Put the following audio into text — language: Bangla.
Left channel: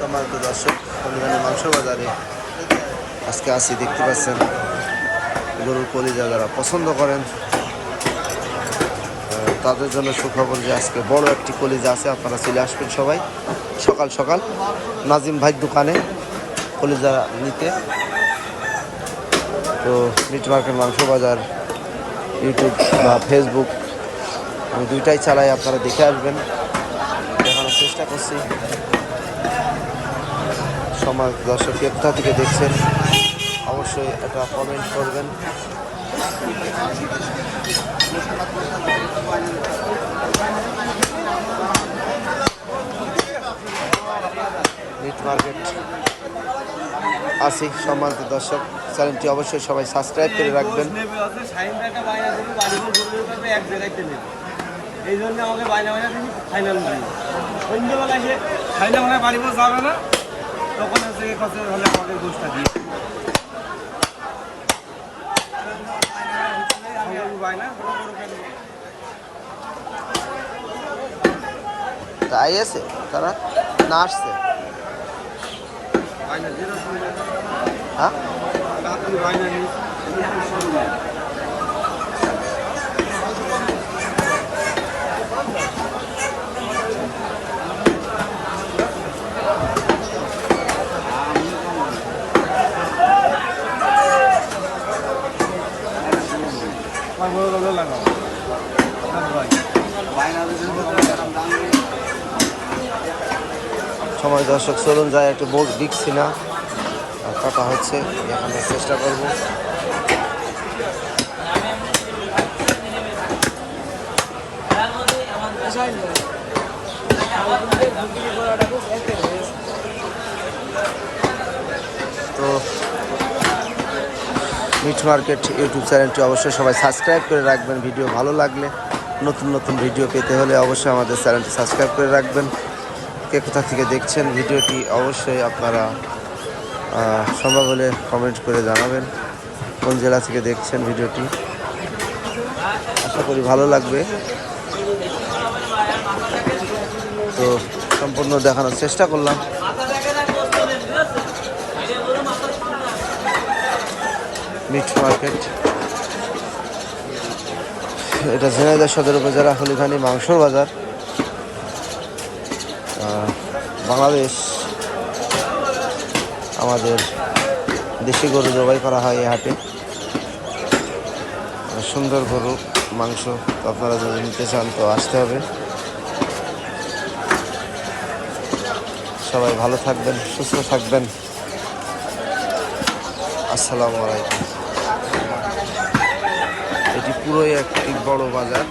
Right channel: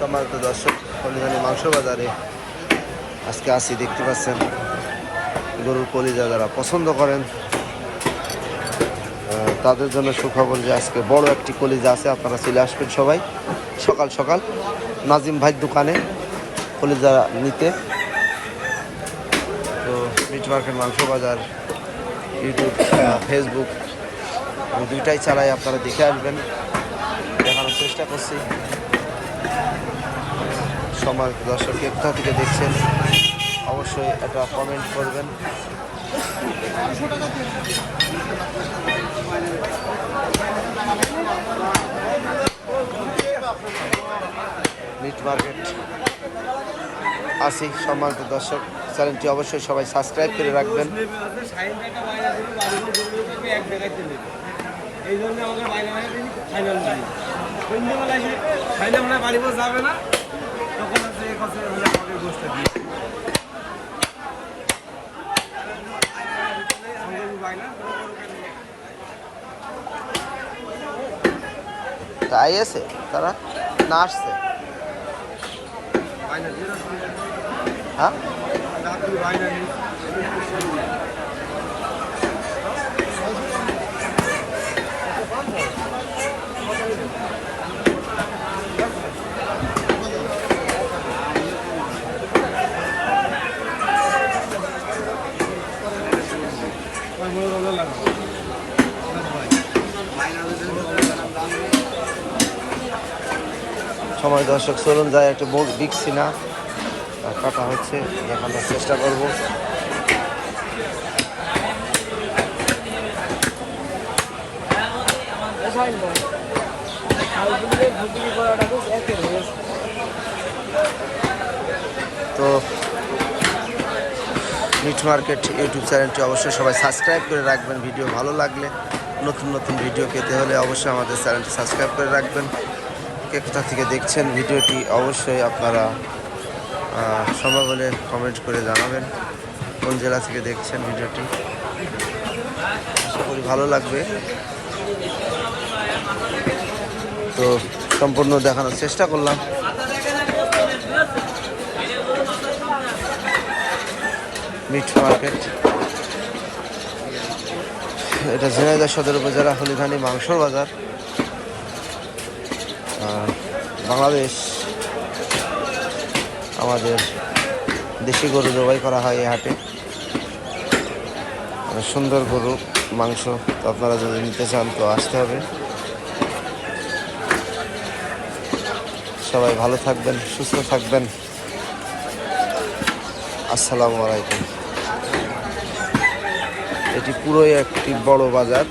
সম্মানিত দর্শক, হলিগানি মাংস বাজারে আজকে আসি। দেখতে পাচ্ছেন গরুর কলিজা যারা পছন্দ করেন তাদের জন্য সুখবর যে আজকে বড় একটি কলিজা আছে। আপনারা চলে আসবেন সবাই সকাল সকাল নাজিম ভাইয়ের দোকানে কলিজা নিতে। তো মিট মার্কেট মাংস বাজার ইউটিউব ফেসবুক আমি দুইটাই চালাই, আপনারা দেখে আসবেন, দেখানোর চেষ্টা করছি। সমাজ দর্শক কোথা থেকে দেখছেন অবশ্যই একটা কমেন্ট করবেন। মিট মার্কেট আসি। সম্মানিত দর্শক, চ্যানেলটি অবশ্যই সবাই সাবস্ক্রাইব করে রাখবেন। এই জন্য আমাকে বাইনা বাইনা দিন ফাইনাল দিন সন্ধ্যেবেলা সে ফাইনাল মানে বাড়ি বসে যাবে না, তখন হচ্ছে এর কাছে হলে আমাদের দোষটা দিয়ে তাই আছে তারা না আসছে। হ্যাঁ বাইনা নেই সময় দর্শক, চলুন যায় একটু বোর্ড দিচ্ছি না কাটা হচ্ছে, দেখানোর চেষ্টা করব। তো মিট মার্কেট ইউটিউব চ্যানেলটি অবশ্যই সবাই সাবস্ক্রাইব করে রাখবেন। ভিডিও ভালো লাগলে, নতুন নতুন ভিডিও পেতে হলে অবশ্যই আমাদের চ্যানেলটি সাবস্ক্রাইব করে রাখবেন। কে কোথা থেকে দেখছেন ভিডিওটি অবশ্যই আপনারা সম্ভব হলে কমেন্ট করে জানাবেন কোন জেলা থেকে দেখছেন ভিডিওটি। আশা করি ভালো লাগবে। তো সম্পূর্ণ দেখানোর চেষ্টা করলাম। মিট মার্কেট, এটা ঝিনাইদহ সদর উপজেলা হলিগানি মাংস বাজার। বাংলাদেশ আমাদের দেশি গরু জবাই করা হয় এই হাটে। অনেক সুন্দর গরু মাংস, তো আপনারা যদি নিতে চান তো আসতে হবে। সবাই ভালো থাকবেন, সুস্থ থাকবেন। আসসালামু আলাইকুম। এটি পুরোই একটি বড় বাজার।